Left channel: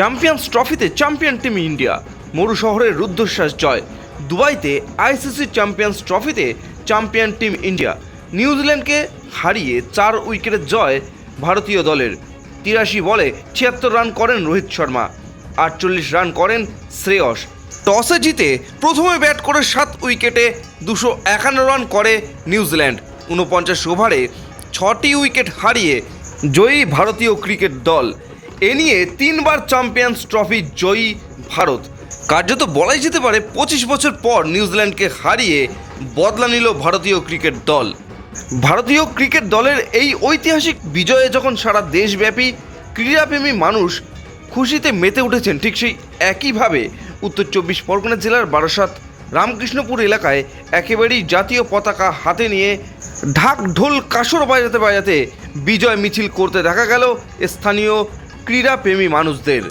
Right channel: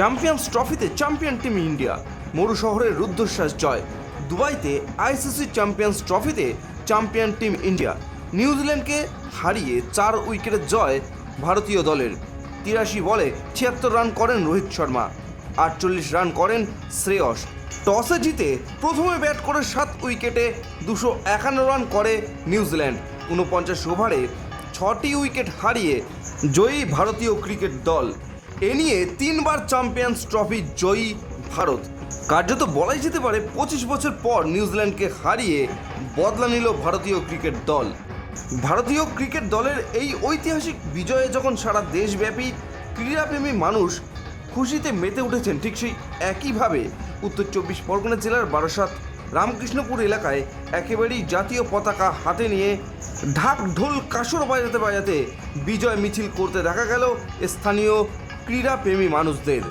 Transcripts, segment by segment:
Champions ট্রফিতে champion team India মরু শহরের রুদ্ধশ্বাস জয়। দুবাইতে আইসিসি চ্যাম্পিয়ন্স ট্রফিতে চ্যাম্পিয়ন টিম ইন্ডিয়া নিউজিল্যান্ডকে হারিয়ে চার উইকেটের জয় ভারতীয় দলের। তিরাশি বলে ছিয়াত্তর রান করেন রোহিত শর্মা, আটচল্লিশ রান করেন শ্রেয়স। টসে জিতে প্রথমে ব্যাট করে সাত উইকেটে দুশো একান্ন রান করে নিউজিল্যান্ড ঊনপঞ্চাশ ওভারে ছটি উইকেট হারিয়ে জয়ী ভারতীয় ক্রিকেট দল। এ নিয়ে তিনবার চ্যাম্পিয়ন্স ট্রফি জয়ী ভারত। কার্যত বলাই যেতে পারে পঁচিশ বছর পর নিউজিল্যান্ডকে হারিয়ে বদলা নিল ভারতীয় ক্রিকেট দল। ভারতীয় ক্রিকেট দলের এই ঐতিহাসিক বিজয়ে যখন সারা দেশব্যাপী ক্রীড়াপ্রেমী মানুষ খুশিতে মেতে উঠেছেন, ঠিক সেই একইভাবে উত্তর চব্বিশ পরগনা জেলার বারাসাত রামকৃষ্ণপুর এলাকায় একেবারেই জাতীয় পতাকা হাতে নিয়ে ঢাক ঢোল কাসর বাজাতে বাজাতে বিজয় মিছিল করতে দেখা গেল স্থানীয় ক্রীড়াপ্রেমী মানুষদের।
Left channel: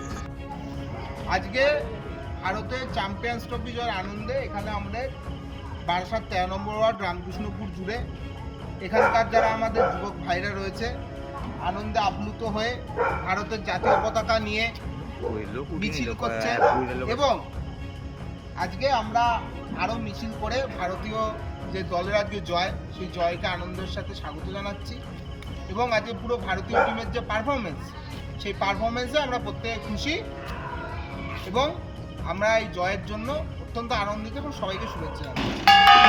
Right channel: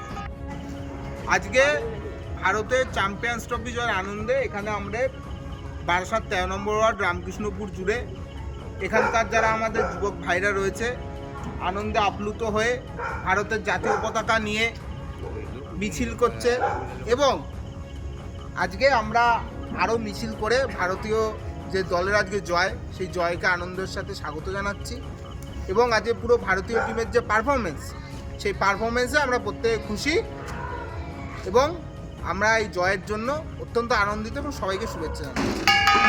আজকে ভারতের চ্যাম্পিয়ন্স ট্রফি জয়ের আনন্দে এখানে আমরা বারাসাত তেরো নম্বর ওয়ার্ড রামকৃষ্ণপুর জুড়ে এখানকার যারা আমাদের যুবক ভাইরা রয়েছে, আনন্দে আপ্লুত হয়ে ভারতের জাতীয় পতাকা নিয়ে মিছিল করছে এবং আজকে আমরা আরও মিছিল করে ভারতীয় যে দলের আজকে জয়, সেই জয়কে আনন্দের সাথে স্বাগত জানাচ্ছি এবং আজকে পুরো ভারতীয় টিমের যে পারফরমেন্স সেই পারফরমেন্সে আমরা প্রত্যেকে খুশি এবং আমরা এই জয়ের জন্য অত্যন্ত আনন্দিত এবং সবাইকে শুভেচ্ছা জানাই।